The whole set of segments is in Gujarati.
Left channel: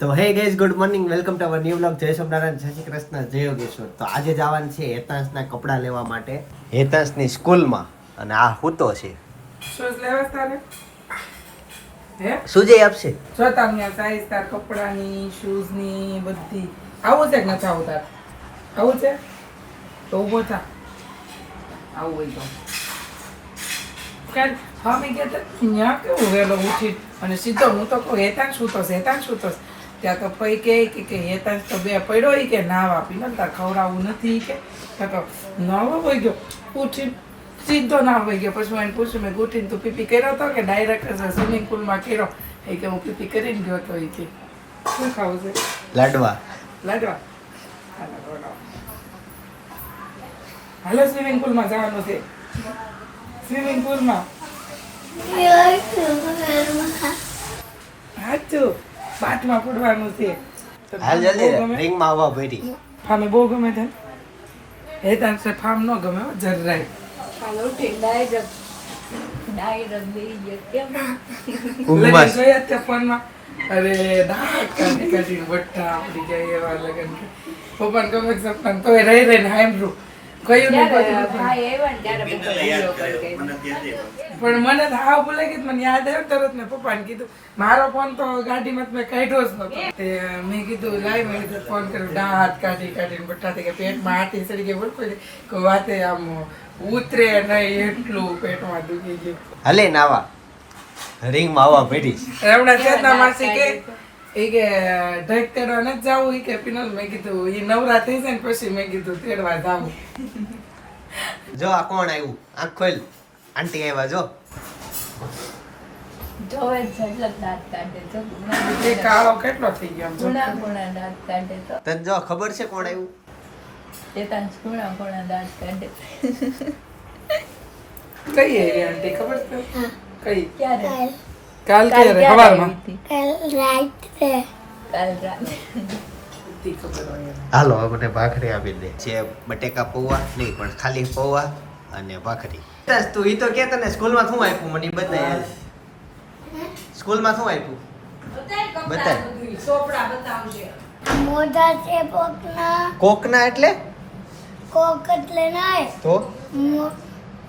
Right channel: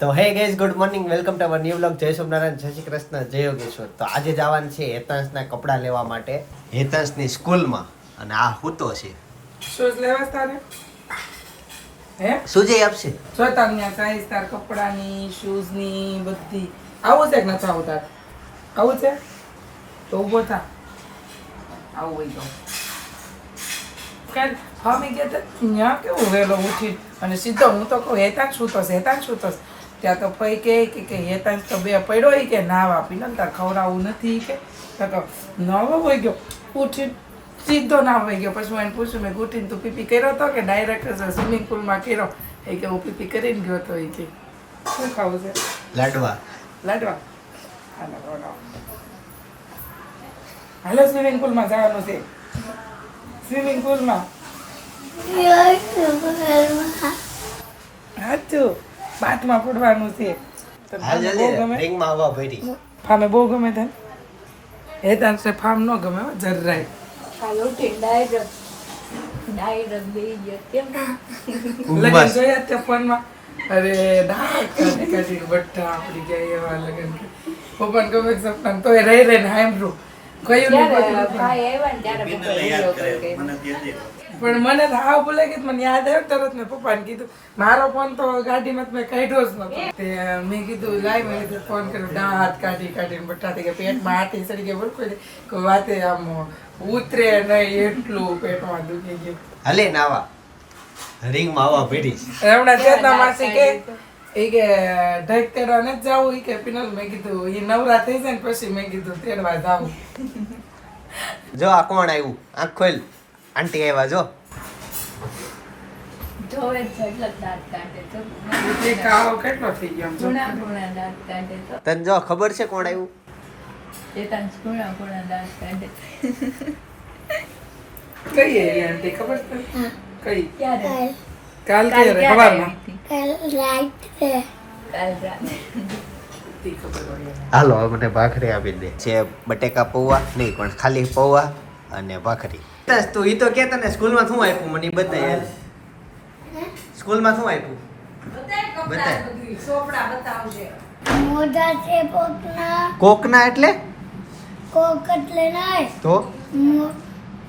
તો hey guys good morning welcome to our new blog જય સોમનારાયણ જય શ્રી કૃષ્ણ જય યોગેશ્વર. તો આજે જવાનું છે હેતાંશના કપડાં લેવા માટે. હેતાંશની સ્કૂલમાં. અને આ હૂતો છે. શૂઝ લેવા તારે? હે? સુજય આપશે? જો સાઈઝ તાર કપડાની શૂઝની બધી. આવું છે કે નથી આવું તાર? આવું છે? તો ઊભો થા. આવું હોય તો. કાલ હા મેં ગયા હતા ત્યાં કેવું વહેલો ઉઠી અને સીધો હું તો કહું હેતાંશ શું થશે? હેતાંશ શું થશે? ત્યાં તો પૈ કે કે હેતાંશ તો બે પડ્યો હોય કે નાવા પીને તાર ખવડાવવું નથી કે. ત્યાં તો નવો હોય ગયો. ઉઠી સીધો ના હોય ગયો. પછી હું એને પૂછ્યું મેં ઉઠીને તું પીપી કર્યો હતો કે ડાયરેક્ટ સ્વિમિંગ પુલમાં કર્યો? એ કે હું પીપી કરીને ગયો હતો એ કે. શું ખાવું છે? લાડવા. લાડવા. હાલો હાલો સ્વિમિંગ પુલમાં જવાનું છે. સ્વિમિંગ પુલમાં સાચું બાથમાં ફૂટવાનું છે. તો હાલ બહુ જલ્દી ગમે? રિંગમાં આવવા ભરી ફામે બહુ ગમે તને? હેતાંશ ફામ ન ગમે હો, જરાય. ગયો કેમ લગન જોયા તે ફોનમાં? અરે ડાક કાઢી બટ્ટા આપડી જાય એવા લગન પપ્પાને ગમે સપના તોય રહી આવ્યા ને હાઈમ કર્યો પણ મને તો આ ભૂલે ગઈ મને યાદ આવ્યું તરત મેં પપ્પાને કીધું મારો ફોન તો ગાડીમાં મેં કાઢ્યો જ નતો મેં કીધું લાઈ મેં કીધું ફોન કર્યો. દાંત કાઢી કાઢીને બટા થઈ ગયા પેટમાં હાથી ચડી ગયા બોલ કોઈ કોઈ વાતે આમ ઉતરે નહીં એટલું પેટમાં દુખી ગયું. હલે નાવા રિંગમાં આવા ભરી હમણાં ચેતના માસી કે એ કે ઢેક તેડવા નથી જવું એ કે પિનલ મેં કીધું એ નવરા થઈ જાય ને પછી મેં કીધું તેડવા જાવું. જો આ કોણ આવ્યું આંખ ખોલ. આંટી આવ્યા જો. જોવે દાંત કાઢે એ કાળો કેટલો થઈ ગયો ગુણા ગુણા દાંત કાઢે તો. તને જો ખબર છે કોણ આવ્યું ચેતાંશ ગુણા ગુણા દાંત કાઢે. કઈ આંટી? ખબર છે કઈ? ક્યારે? કાલ કે ક્યારે ખબરમાં કાલ હતી? કાલ રાત્રે. તી ખબર હોય એને. હાલો હવે મને ભાખરી આપી દે. છે બટેકા પૌવા નહીં પણ ખાલી પૌવા અને ભાખરી. બસ તું ઈ તો કે તને સ્કૂલમાં શું આપ્યું? મને બતાય હાલ. સ્કૂલમાં શું આપ્યું? બતાય. મોઢા છે કોકના. કોકના એટલે? કોક એટલે નહીં. તો? મો-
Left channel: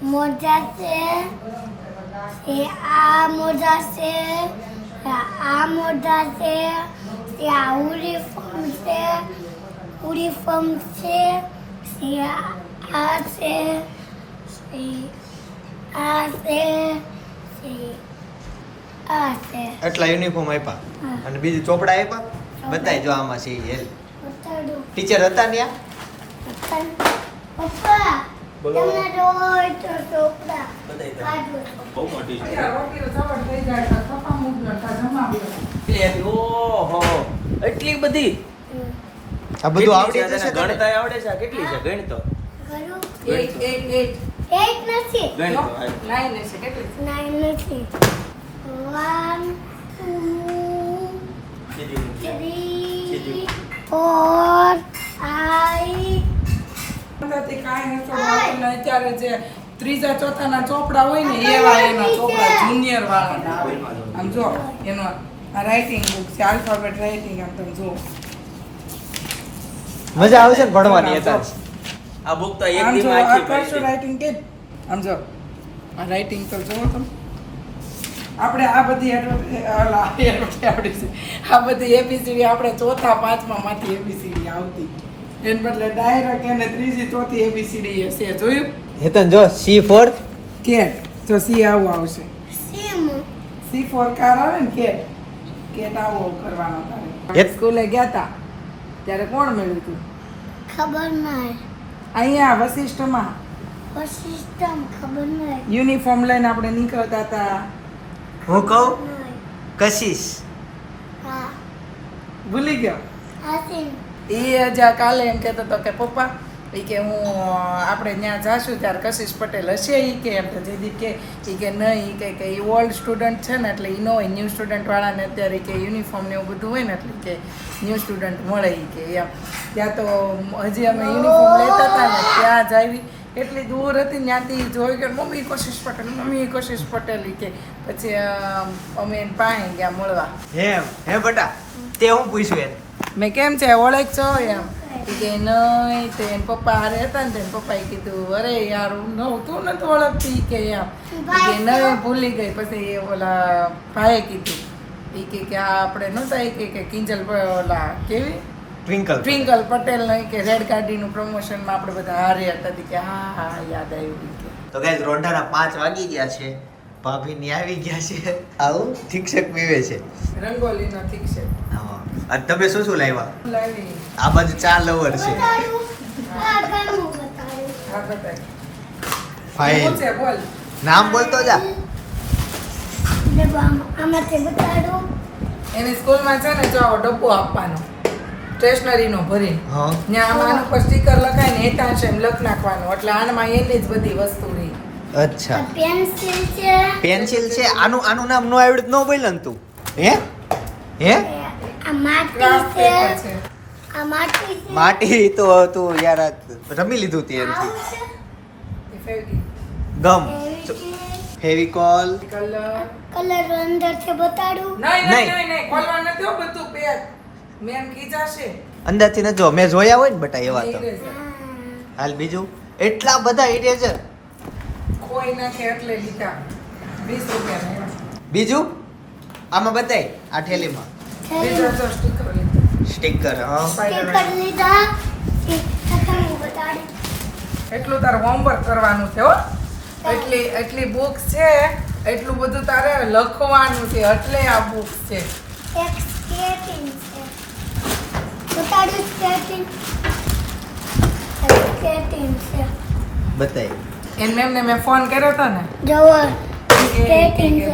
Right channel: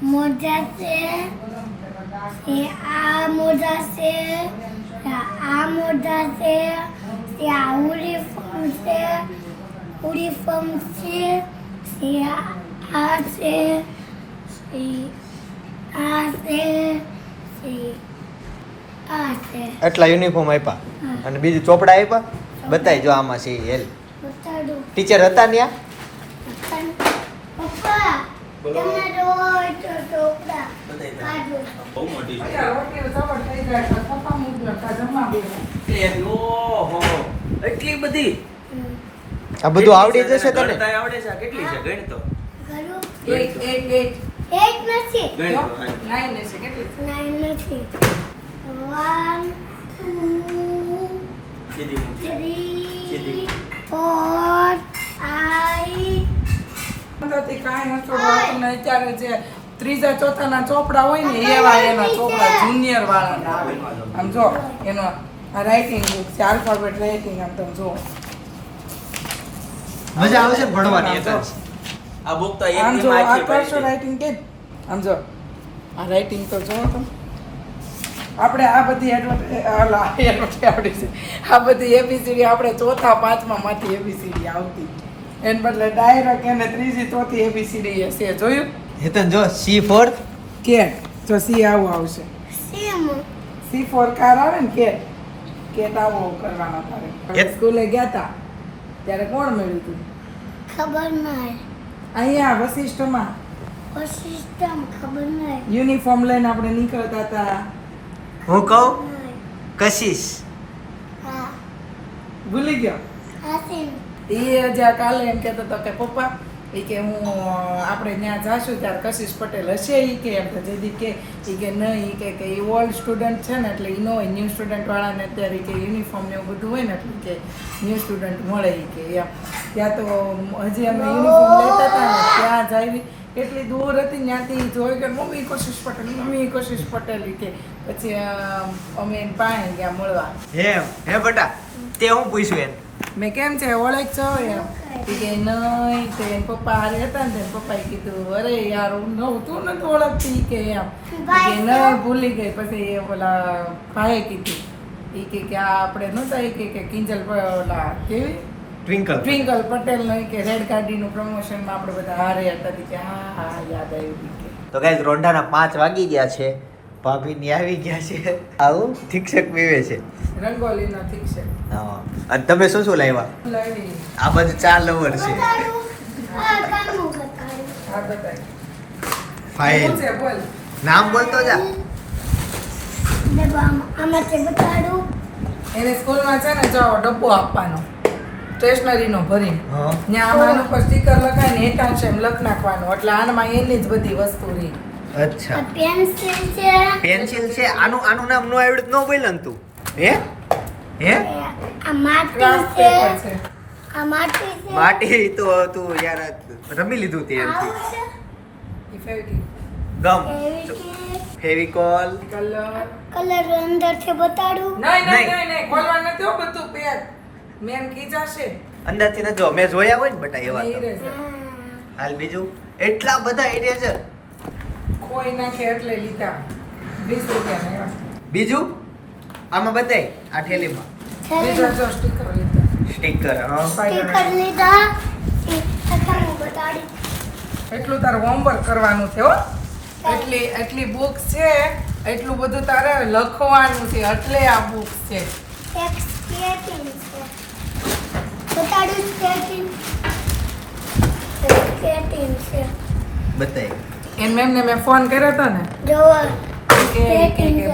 મોઢા છે એ આ મોજા છે આ મોજા છે એ આ યુનિફોર્મ છે યુનિફોર્મ છે એ આ છે આ છે આ છે. એટલા યુનિફોર્મ આપ્યા. અને બીજું ચોપડા આપ્યા? બતાય જો આમાં છે હેલ. ટીચર હતા ત્યાં? પપ્પા એટલી બધી? આ બધું આવડી જશે તને? આવડે છે? કેટલી છે? ગણ તો. એક એક એક. એક નથી. ગણ છે કેટલી? નથી. વન ટુ સીધી મૂક. થ્રી સીધી. ફોર ફાઈવ અંદરથી કાંઈ નથી આવડતું અત્યારે જે ત્રીજા ચોથાના ચોપડા હોય ને એવા એના ચોપડા જુનિયર વાળાના આવે. આમ જો એનો આ રાઇટિંગ બુક છે આલ્ફાબેટ રાઇટિંગ આમ તમે જો મજા આવે છે ભણવાની તો આ બુક તો એક આમ જો આ કરશો છે. રાઇટિંગ કે આમ જો આ રાઇટિંગ તો જો તમે. આપણે આ બધી એડવર્ટાઈઝ ઓલા છે. આ બધી એબીસીડી આપણે ચોથા પાંચમા માંથી એબીસીડી આવતી. એને બદલે ડાયરેક્ટ એને ત્રીજી ચોથી એબીસીડી હશે જોયું? હેતન જો સી ફોર કેટ. તો સી આવું આવશે. સેમ સી ફોર કાર આવે ને કેટ? કેટ આવો કરવાનો તારે. સ્કૂલે ગયા તા ત્યારે કોણ મળ્યું તું? ખબર નહીં અહીંયા વશિષ્ઠમાં. વશિષ્ઠમાં ખબર નહીં યુનિફોર્મ લઈને આપણે નીકળતા હતા હું કહું? કશિશ કશીશ. હા. ભૂલી ગયો? હાસીન એ જ્યાં કાલે એમ કહેતો હતો કે પપ્પા એ કે હું આપણે ત્યાં જાશું ત્યારે કશિશ પટેલ હશે એ કે. એમ તો જયદીપ કે એ કે નહીં એ કે કે એ ઓલ્ડ સ્ટુડન્ટ છે ને એટલે એ ન હોય ન્યૂ સ્ટુડન્ટ વાળાને અત્યારે કે યુનિફોર્મ ને એવું બધું હોય ને એટલે કે ન્યૂ સ્ટુડન્ટ મળે એ કે. એમ. ત્યાં તો હજી અમે યુનિફોર્મ લેતા હતા ને ત્યાં જ આવી. એટલી દૂર હતી ત્યાંથી જોઈ કે મમ્મી કોશિશ પટેલ મમ્મી કોશિશ પટેલ કે. પછી અમે એને પાસે ગયા મળવા. હે હે બટા તે હું પૂછ્યું એને? મેં કેમ છે? ઓળખ છો એમ. કે નહીં તે એના પપ્પા હારે હતા ને તેને પપ્પાએ કીધું અરે યાર હું નહોતું નથી ઓળખતી. કે એમ. કે નહીં ભૂલી ગઈ. પછી એ ઓલા ભાઈએ કીધું. એ કે કે આ આપણે નહોતા ઈ કે કે કિંજલ ઓલા કેવી? ટ્વિંકલ ટ્વિંકલ પટેલ નહીં કે રેડ ગાડીનું પ્રમોશનમાં આપણે બધા હારે હતા. કે હા હા યાદ આવ્યું. તો ગાઈઝ રોંઢાના પાંચ વાગી ગયા છે. ભાભી ની આવી ગયા છે. આવું શિક્ષક પીવે છે. રંગોલીના ઠીક હા. અને તમે શું શું લાવ્યા? લાવી આ બાજુ ચાર લવર છે. ફાઇલ છે બોલ. નામ બોલતો જા. એને સ્કૂલમાં છે ને જો ડબ્બો આપવાનો. સ્ટેશનરીનો ભરીને. હા. ત્યાં આમાં પર સ્ટીકર લખાઈને એકાંશ એમ લખ નાખવાનું. એટલે આનમાં એની જ બધી વસ્તુ રહી. અચ્છા. પેન્સિલ છે. પેન્સિલ છે. આનું આનું નામ નો આવડત નો બોલ ને તું. હે? હે? આ માટી છે. આ માટી છે. માટી તો તું યાર રમી લીધું તે એમથી ગમ. ફેવિકોલ. કલર કલર અંદર છે બતાડું. નહીં નહીં નહીં. ખોલવાનું નથી બધું પેક. મેમ ખીજાશે. અંદરથી ને જો મેં જોયા હોય ને બટા એવા તો. હાલ બીજું. એટલા બધા ઇરેઝર ખોઈ નાખે એટલે લીધા. વીસ રૂપિયાના એવા. બીજું? આમાં બતાય આ ઠેલીમાં. બીજો જો સ્ટીકર લીધા સ્ટીકર હા. સ્ટીકર લીધા. એટલું તારે હોમવર્ક કરવાનું છે હો. એટલી એટલી બુક છે એટલું બધું તારે લખવાનું છે એટલે આ બુક છે. એક સ્કેટિંગ મેમ એન મેમને મેં ફોન કર્યો હતો ને.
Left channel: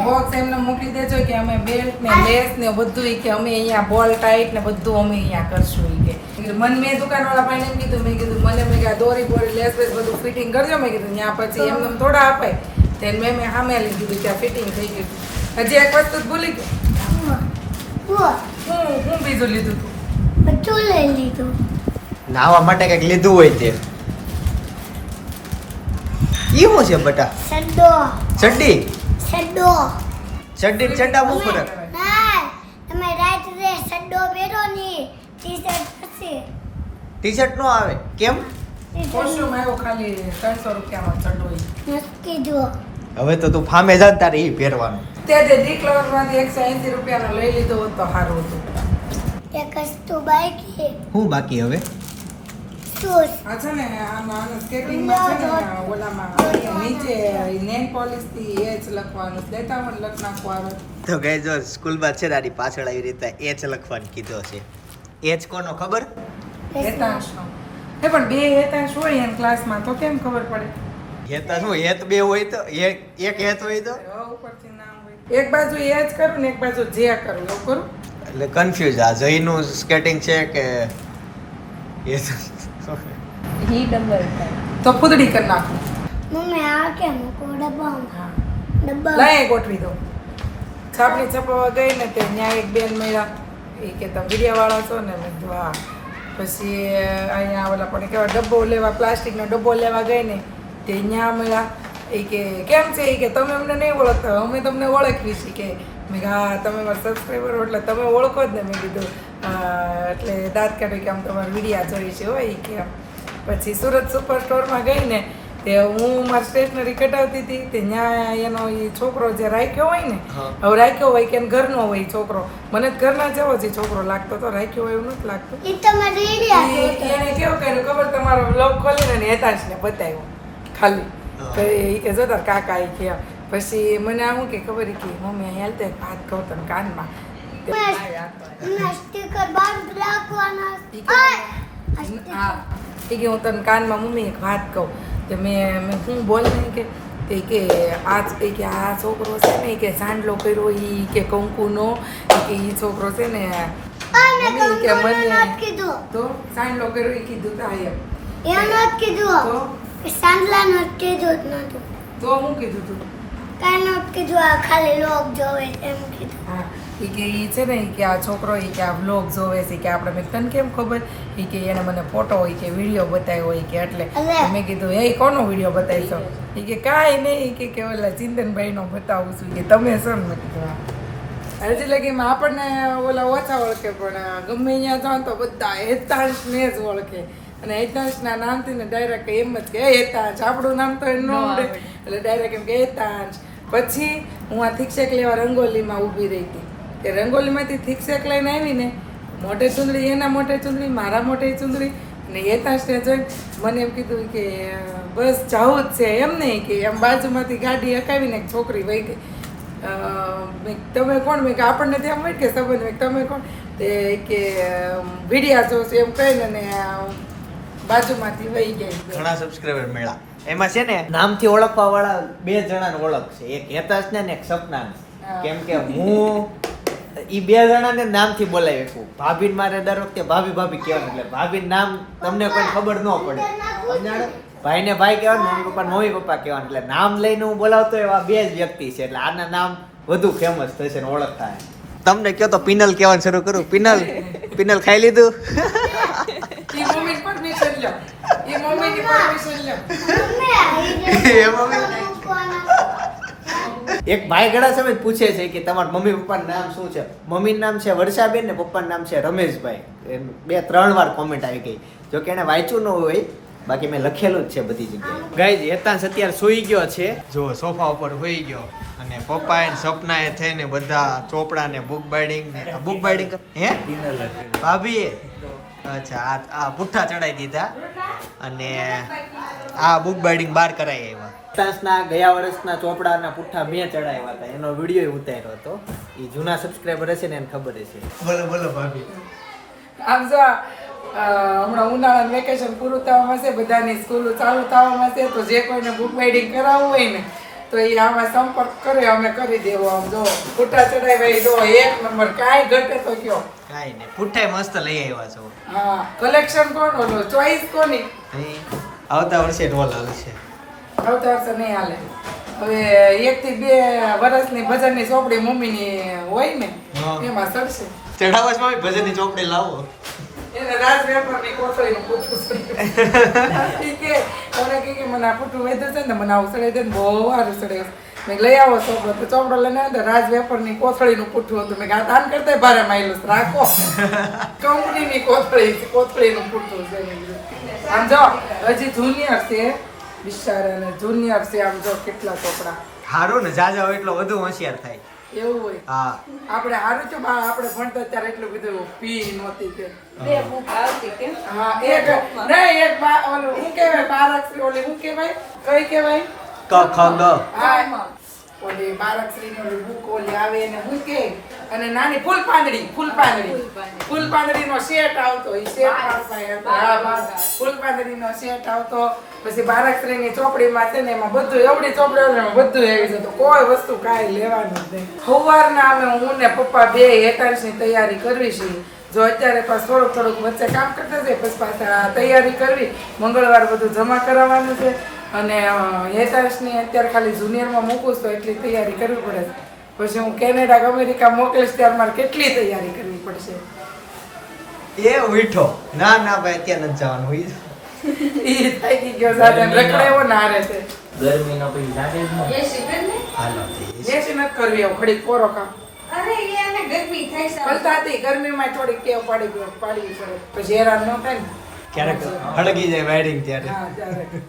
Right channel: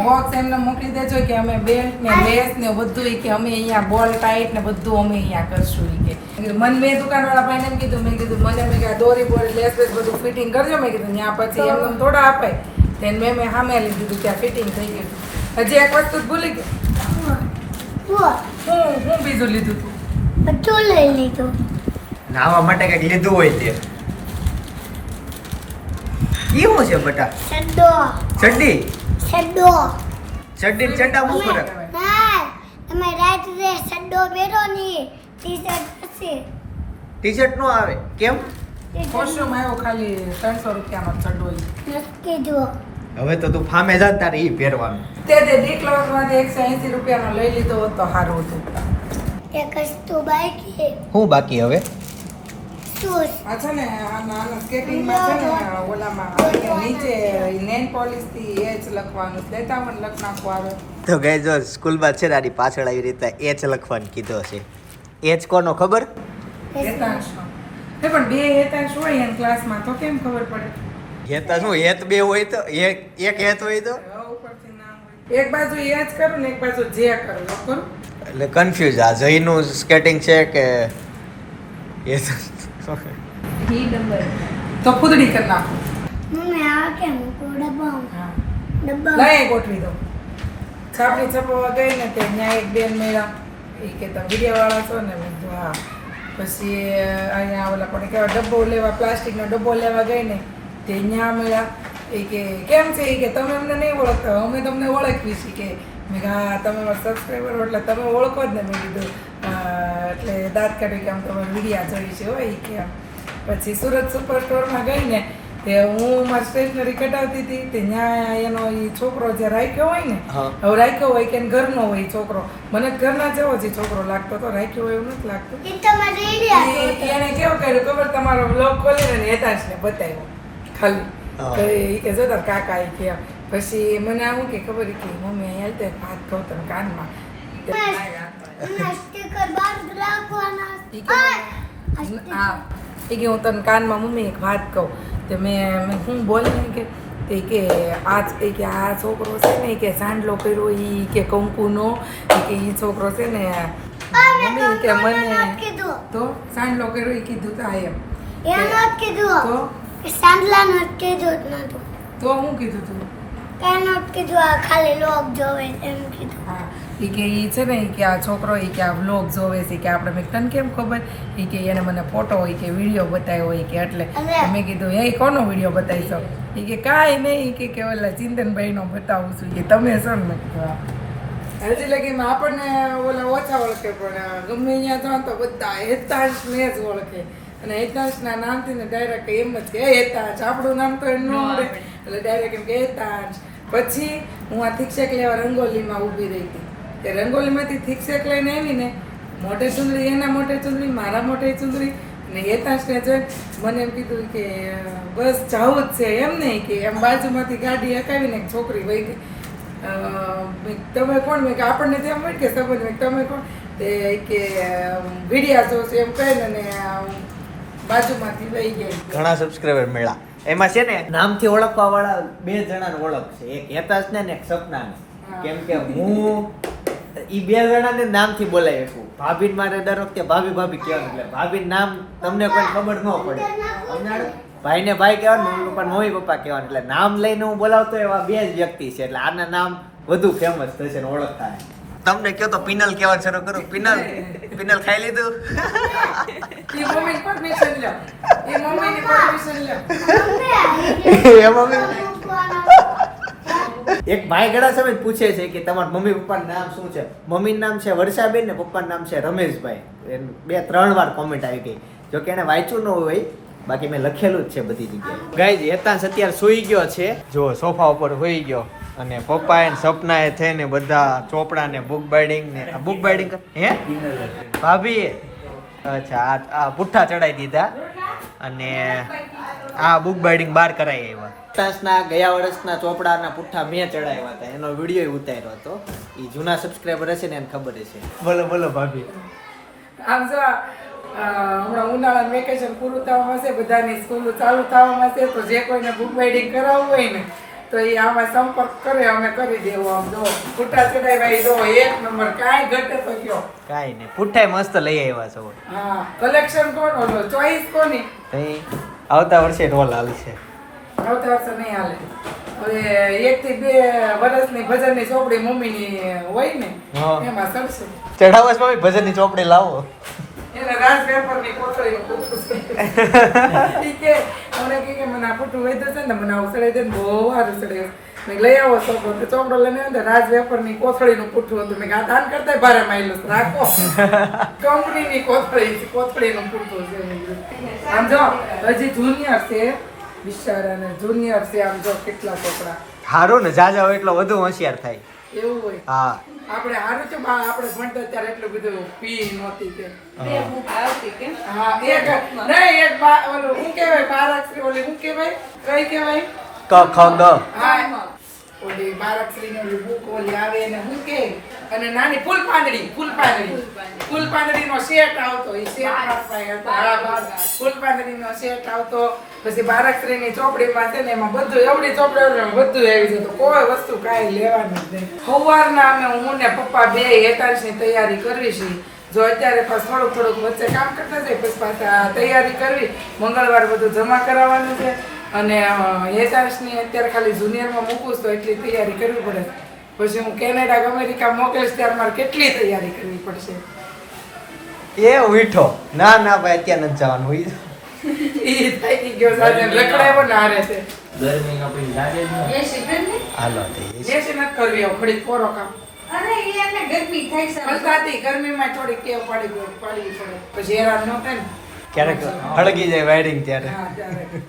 બોક્સ એમને મોકલી દેજો કે અમે બેલ્ટ ને લેસ ને બધું ઈ કે અમે અહીંયા બોલ ટાઈટ ને બધું અમે અહીંયા કરશું ઈ કે. મને મેં દુકાનવાળા ભાઈને એમ કીધું મેં કીધું મને મેં કીધું દોરી બોરી લેસ વેસ બધું ફિટિંગ કરજો. મેં કીધું ત્યાં પછી એમને એમ થોડા અપાય. તેને મેં મેં સામે લઈ દીધું ત્યાં ફિટિંગ થઈ ગયું હજી એક વસ્તુ ભૂલી ગયો. હું હું બીજું લીધું હતું બધું લઈ લીધું. નાવા માટે કંઈક લીધું હોય તે. શું છે બટા? સડ્ડો ચડ્ડી સડ્ડો ચડ્ડી ચડ્ડા મૂકો ફરક ના. તમે રાત રે સડ્ડો પહેરો ની ટી શર્ટ હશે ટી શર્ટ નો આવે. કેમ? કોસ્ટ્યુમ આવ્યો? ખાલી ત્રણસો રૂપિયામાં ચડ્ડો. નક્કી જો. હવે તો તું ફામે જા તારે ઈ પહેરવાનું. તે જે ડી માંથી એકસો એંસી રૂપિયાનો લઈ લીધો હોત તો સારું હતું. એક વસ્તુ બાકી. હું બાકી હવે? આ છે ને આમાં સ્કેટિંગમાં છે ને ઓલામાં નીચે નેન પોલિશથી એ જ લખવાનું. લેતા લખ નાખવું તો ગઈ જો સ્કૂલમાં છે આની પાછળ આવી રીતે એચ લખવાનું કીધો છે. એચ કોનો ખબર? હેતાંશનો હે પણ બે હેતાંશ હોય એમ ક્લાસમાં તો કેમ ખબર પડે? હેતા શું હેત બે હોય તો એક એક હેત હોય તો? ઉપરથી નામ હોય. એક બાજુ એ જ કરું ને એક બાજુ જે કરું કરું? એટલે કન્ફ્યુઝ આ. જયનું સ્કેટિંગ છે કે એ તો ઈ ડંગર તો ફૂદડી કરી નાખું. મમ્મી આ કેમ મૂકો? ડબ્બામાં ડબ્બા લઈ ગોઠવી છાપડી ગઈ ને તે ત્યાં એક બેન મળ્યા. એ કે તમે વિડીયોવાળા છો ને? મેં કીધું હા. પછી અહીંયા ઓલા પણ કેવા ડબ્બો લેવા પ્લાસ્ટિકનો ડબ્બો લેવા ગઈ ને તે ત્યાં મળ્યા. એ કે કેમ છે? એ કે તમે અમને નહીં ઓળખતા. અમે તમને ઓળખવી છીએ કે મેં હા તમે મારા સબસ્ક્રાઈબર એટલે તમે ઓળખો જ ને. મેં કીધું "હા." એટલે દાંત કાઢ્યું કે આમ તમારે વિડીયા જોઈ છે હોય કે પછી સુરત સુપર સ્ટોરમાં ગઈ ને તે હું મારી સ્ટેશનરી કટાવતી હતી તે ત્યાં એનો એ છોકરો જે રાખ્યો હોય ને હવે રાખ્યો હોય કે ઘરનો હોય છોકરો. મને ઘરના જેવો જ છોકરો લાગતો તો રાખ્યો હોય એવું નથી લાગતું. એને કેવું કર્યું ખબર? તમારો બ્લોગ ખોલીને હેતાંશને બતાવ્યો ખાલી. કે જો તાર કાકા એ કે પછી મને આવું કે ખબર કે મમ્મી અહીંયા હાલતે હાથ કહું તને કાનમાં. હા ઈ કે હું તને કાનમાં મમ્મી એક વાત કહું. તે મેં મેં હું બોલ ને કે તે કે આ કે આ છોકરો છે ને કે સાંડલો કર્યો એ કે કંકુનો કે એ છોકરો છે ને મમ્મી કે મને તો સાંડલો કર્યો એ કીધું તા એમ. એનું કીધું કે સાંડલાનું જ કીધું નતું. તો હું કીધું તું? કાંઈ નહોતું કીધું આ ખાલી લોક જોવે એમ કીધું. એ કે એ છે ને કે આ છોકરો એ કે આ વ્લોગ જોવે છે કે આપણે મેં તને કેમ ખબર? એ કે એને મને ફોટો હોય કે વીડિયો બતાવ્યો હોય કે એટલે મેં કીધું એ કોનો વીડિયો બતાવીશો? એ કે કાંઈ નહીં કે કે ઓલા ચિંતનભાઈનો બતાવું છું કે તમે છો ને. મેં કીધું હજી લગીમાં આપણને ઓલા ઓછા ઓળખે પણ ગમે અહીંયા જાઓ ને તો બધા હેતાંશને જ ઓળખે. અને હેતાંશના નામથી ને ડાયરેક્ટ એમ જ કે "એ હેતાંશ આપણું નામ તો એમ ન એટલે ડાયરેક્ટ એમ કે હેતાંશ. પછી હું આ શિક્ષક લેવા રંગોલીમાં ઊભી રહી હતી. તે રંગોલીમાંથી થીક શેક લઈને આવી ને મોઢે ચુંદડી એના મોઢે ચુંદડી મારા મોઢે ચુંદડી ને હેતાંશને જોઈ મને એમ કીધું કે બસ જવું જ છે. એમ નહીં કે એમ બાજુમાંથી ગાડી હકાવીને એક છોકરી વહી ગઈ. તમે કોણ? મેં કે આપણને ત્યાં મળી કે સંબંધ મેં તમે કોણ? તે કે વિડિયા જો છે એમ કહીને ને બાજુમાંથી વહી ગઈ ઘણા સબસ્ક્રાઈબર મળ્યા. એમાં છે ને નામથી ઓળખવા વાળા બે જણાને ઓળખ છે. એક હેતાશ ને ને એક સપનાને. કેમ કે હું ઈ બે જણાને નામથી બોલાવી શકું ભાભીને મારે દર વખતે ભાભી ભાભી કહેવાનું એટલે ભાભીનું નામ તમને કોઈ ખબર ન પડે. સમજાણું? ભાઈને ભાઈ કહેવાનું મમ્મી પપ્પા મમ્મી પપ્પા કહેવાનું. એટલે નામ લઈને હું બોલાવતો એવા બે જ વ્યક્તિ છે. એટલે આના નામ વધુ ફેમસ થશે ને ઓળખ થાય તમને કહો તો પિનલ કહેવાનું શરૂ કરું. પિનલ પિનલ ખાઈ લીધું? એ એ એ મમ્મી? એક ભાઈ ઘણા સમય પૂછે છે કે તમારા મમ્મી પપ્પાનું નામ શું છે? મમ્મીનું નામ છે વર્ષાબેન ને પપ્પાનું નામ છે રમેશભાઈ. બે ત્રણ વાર કોમેન્ટ આવી ગઈ. જો કે એને વાંચ્યું ન હોય બાકી મેં લખેલું જ છે બધી જગ્યાએ. ગાઈઝ હેતાંશ અત્યારે સૂઈ ગયો છે. જો સોફા ઉપર હોઈ ગયો અને પપ્પા પપ્પાએ સપના એ થઈને બધા ચોપડા ને બુક બાઇડિંગ ને બુક બાઇડિંગ હે? ભાભીએ? અચ્છા આ આ પુઠ્ઠા ચડાઈ દીધા. અને આ બુક બાઇડિંગ બાર કરાઈ આવ્યા. હેતાંશના ગયા વર્ષના ચોપડાના પુઠ્ઠા મેં ચડાવ્યા હતા. એનો વીડિયો ઉતાર્યો હતો. એ જૂના સબસ્ક્રાઈબર હશે ને એને ખબર હશે. બોલો બોલો ભાભી. આમ જો હમણાં ઉનાળાનું વેકેશન પૂરું થવામાં છે બધાની સ્કૂલો ચાલુ થવામાં છે તો જે કોઈને બુક બાઇડિંગ કરાવવું હોય ને તો એ આમાં સંપર્ક કરે અમે કરી દેવો. આમ જો પુઠ્ઠા ચડાવ્યા જો એક નંબર કાંઈ ઘટે તો કયો? કાંઈ નહીં. પુઠ્ઠાય મસ્ત લઈ આવ્યા છો. હા કલેક્શન કોણ ઓલો? ચોઈસ કોની? આવતા વર્ષે ઢોલ હાલશે આવતા વર્ષે નહીં હાલે. હવે એક થી બે વર્ષની ભજનની ચોપડી મમ્મીની હોય ને એમાં સરસે. ચઢાવસમાં ભજનની ચોપડી લાવો. એને રાજ પેપરની કોથળીનું પૂછવું છે. ઈ કે તમને કે કે મને આ પૂઠું વધ્યું છે ને મને આવું સડાઈ દે ને બહુ સારું સડાયું મેં લઈ આવો ચોપડો તો ચોપડો લઈને આવ્યો રાજ વેપારની કોથળીનું પૂઠું હતું. મેં આ દાન કરતા ભારે માયલું રાખો. કંપનીની કોથળી છે કોથળીનું પૂઠું છે. આમ જો હજી જુનિયર છે બિચારાને જુનિયર છે. આમ જો કેટલા છોકરા. હારું ને જાજા હોય એટલો વધુ હોશિયાર થાય. એવું હોય. હા. આપણે હારું છે આપણે ભણતા ત્યારે એટલું બધું પી નહોતી કે. બે બુક આવતી કેમ હા એક નહીં એક ઓલું હું કહેવાય? બારાક્ષરી ઓલી હું કહેવાય? કઈ કહેવાય? ક ખાંગા ઓલી બારાક્ષરીની ઓલી બુક ઓલી આવે ને હું કે અને નાની ફૂલ પાંદડી ફૂલ પાંદડી ફૂલ પાંદડીનો સેટ આવતો એ સેટ હતો. હા ફૂલ પાંદડીનો સેટ આવતો પછી બારાક્ષરીની ચોપડીમાં છે ને એમાં બધું એવડી ચોપડી ને બધું આવી જતું. કોઈ વસ્તુ કાંઈ લેવાનું જ નહીં. સવારના અમે હું ને પપ્પા બે એકાંશની તૈયારી કરવી છે. જો અત્યારે પાછું થોડુંક થોડુંક વચ્ચે કામ કરતા જાય પછી પાછા તૈયારી કરવી. મંગળવાર બધું જમા કરાવવાનું છે. અને હેતાંશની અત્યારે ખાલી જુનિયરમાં મૂકું તો એટલી તૈયારી કરવી પડે. પછી હું કેનેડા કે અમેરિકા મોકલીશ ત્યારે મારે કેટલી તૈયારી કરવી પડશે? એ વીઠો ના ના ભાઈ અત્યારે નથી જવાનું હોય એ થાકી ગયો સાથે રખડાયો ને છે. ગરમીના લાગે એ ને. હાલો બેસી નથી કરવી આવું ઘડીક કોરો કામ. અરે એને ગરમી થાય છે ગરમીમાં થોડીક કેવ પાડી ગયો પાડવી પડે. પછી હેરાન ન થાય ને. ક્યારેક હળગી જાય વાયરિંગ ત્યારે. હા ત્યારે.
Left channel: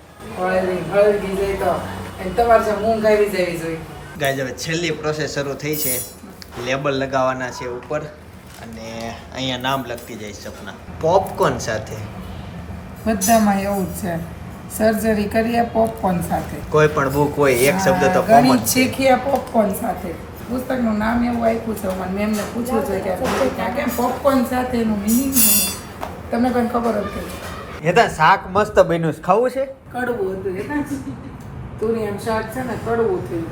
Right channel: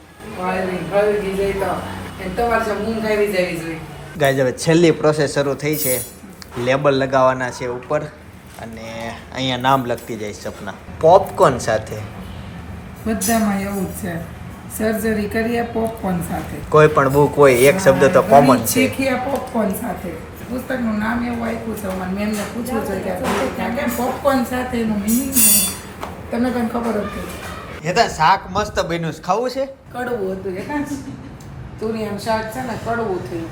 ગાઈઝ હવે છેલ્લી પ્રોસેસ શરૂ થઈ છે. લેબલ લગાવવાના છે ઉપર અને અહીંયા નામ લખતી જાય સપના. પોપકોર્ન સાથે. બધામાં એવું છે. સર્જરી કરીએ પોપકોર્ન સાથે. કોઈ પણ બુક હોય એક શબ્દ તો કોમન છે. શીખીએ પોપકોર્ન સાથે. પુસ્તકનું નામ એવું આપ્યું છે મને મેમને પૂછ્યું છે કે કેમ પોપકોર્ન સાથે એનું મિનિંગ તમને કંઈ ખબર હતી એ તો શાક મસ્ત બન્યું છે. ખાવું છે? કડવું હતું હેતા ના તુરિયાનું શાક છે ને કડવું થયું.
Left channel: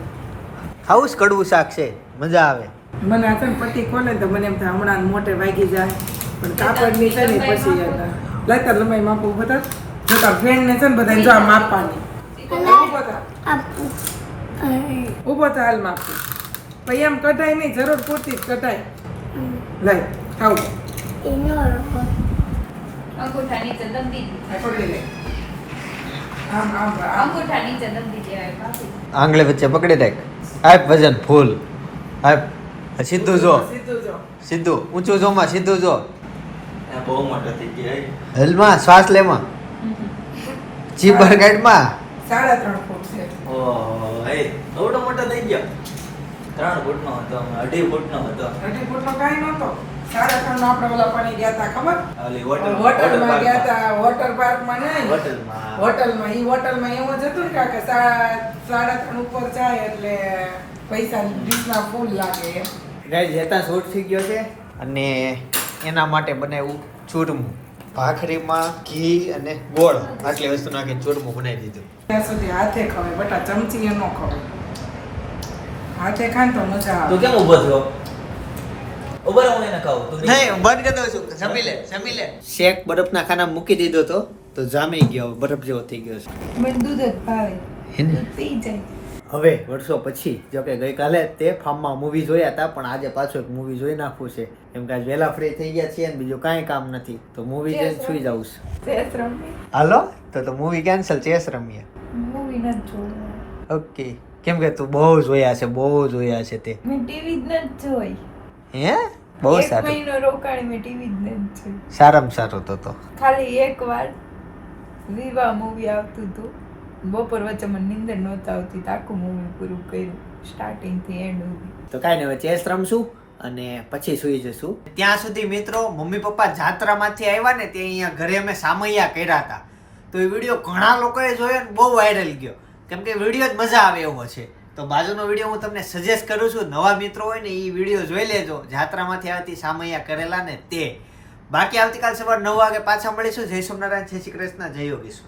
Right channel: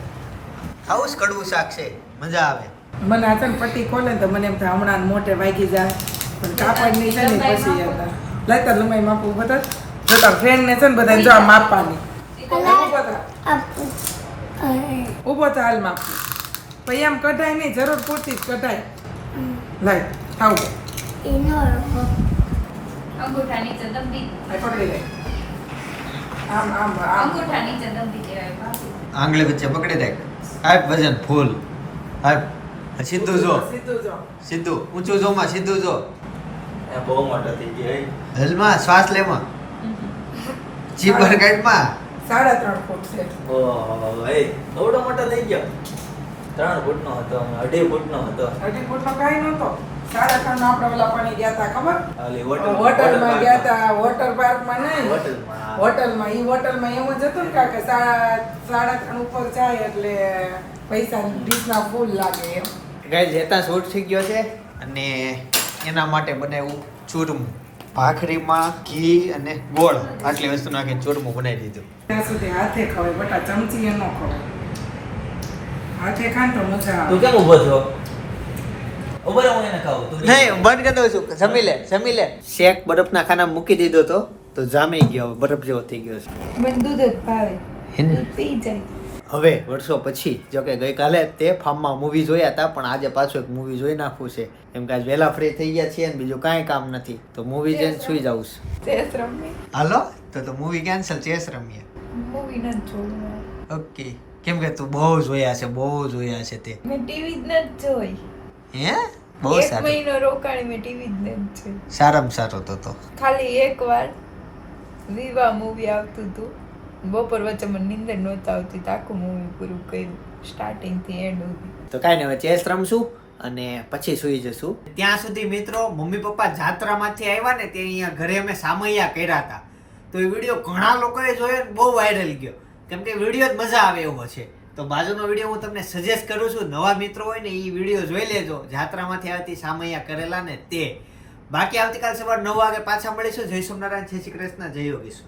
ખાવું છે કડવું શાક છે? મજા આવે. મને આ છે ને પટ્ટી ખોલે તો મને એમ થાય હમણાં મોટે વાગી જાય. પણ કાપડની છે ને પછી યાદ આવે. લાગતા લંબાઈ માપવું બધા જો તાર ફ્રેન્ડને છે ને બધા જો આ માપવાની. ઊભો થા. આપું ઊભો થા હાલ માપવું પછી એમ કઢાય નહીં જરૂર પૂરતી જ કઢાય. લઈ આવું એનો અંગૂઠા નીચે દબી પકડી લે. આમ આમ આમ. અંગૂઠા નીચે દબી આંગળી વચ્ચે પકડી રાખ. આપ વજન ફૂલ. આપ સીધું જો. સીધું જો. સીધું. ઊંચું જો માં સીધું જો. આ બહુ મોટો થઈ ગયો હે. હલમાં શ્વાસ લેમાં. જીભર ગાઈડમાં સાડા ત્રણ ફૂટ છે. ઓહો એ થોડો મોટો થઈ ગયો. ત્રણ ફૂટનો હતો અમે અઢી ફૂટનો હતો. અઢી ફૂટનો કાંઈ નહોતો. સાડા આપણે ઓલા પાણી ગયા હતા ખબર? હોટલમાં ગયા હતા વોટર પાર્કમાં નહીં હોટલમાં હોટલમાં હોટલમાં એવું જ હતું ને કાકે સાડા સાડા ત્રણ ઉપર જાય એટલે પૈસા ડીશના ફૂલ લાગે એમ. ગાઈસ હેતા શૂટ થઈ ગયો છે અને એના માટે બનાવ્યું ચૂરમું. ભાખરીમાં ઘી અને ગોળ આટલી વસ્તુ નાખે ચૂરમું બનાવી દીધું. ત્યાં સુધી હાથે ખવાય બટા ચમચી એ ન ખવાય. હાથે ખાન તો મજા તું આવે. કેમ ઊભો થયો? ઊભો હું એને કહું. તો નહીં બંધ કરી દઉં છું. જમી લે જમી લે. શેક બરફના ખાનામાં મૂકી દીધો તો તો જામી ગયો હવે બરફ જેવો થઈ ગયો છે. મને દૂધ જ ભાવે. એને પી જાય. હવે વર્ષો પછી જો કે ગઈકાલે તે ફાર્મમાં મૂવી જોયા હતા પણ આજે પાછું એક મૂવી જોઈ નાખવું છે. કેમ કે આજ વહેલા ફ્રી થઈ ગયા છીએ ને બીજું કાંઈ કામ નથી. તો મૂવી જઈને સુઈ જાઉં છું. ચેસ હાલો? તો તો મૂવી કેન્સલ ચેસ રમીએ. મૂવી નથી જોવું ઓકે કેમ કે તું બહુ જોયા છે બહુ જોયા છે તે. મેં ટીવી જ નથી જોઈ. હે? બહુ એક સારું. મહિનો રોકાણ મેં ટીવી જ જોઈ સારામાં સારો તો તો. ખાલી એક વાર વિવા મૂવી આવતું હતું. બપોર વચ્ચે મને નીંદર નહોતી આવતી તાકું આખું મૂવી પૂરું કર્યું. સ્ટાર્ટિંગથી એન્ડ સુધી. તો કાંઈ નહીં ચેસ રમશું અને પછી સુઈ જશું. ત્યાં સુધી મિત્રો મમ્મી પપ્પા જાત્રામાંથી આવ્યા ને તે અહીંયા ઘરે અમે સામૈયા કર્યા હતા. તો એ વીડિયો ઘણા લોકોએ જોયો ને બહુ વાયરલ ગયો. કેમ કે વીડિયો જ મજા આવે એવો છે. તો બાજુનો વીડિયો હું તમને સજેસ્ટ કરું છું. નવા મિત્રો હોય ને એ વીડિયો જોઈ લેજો. જાત્રામાંથી આવતી સામૈયા કરેલા ને તે. બાકી આવતીકાલ સવાર નવ વાગે પાછા મળીશું. જય સોમનારાયણ જય શ્રી કૃષ્ણ. જય યોગેશ્વર.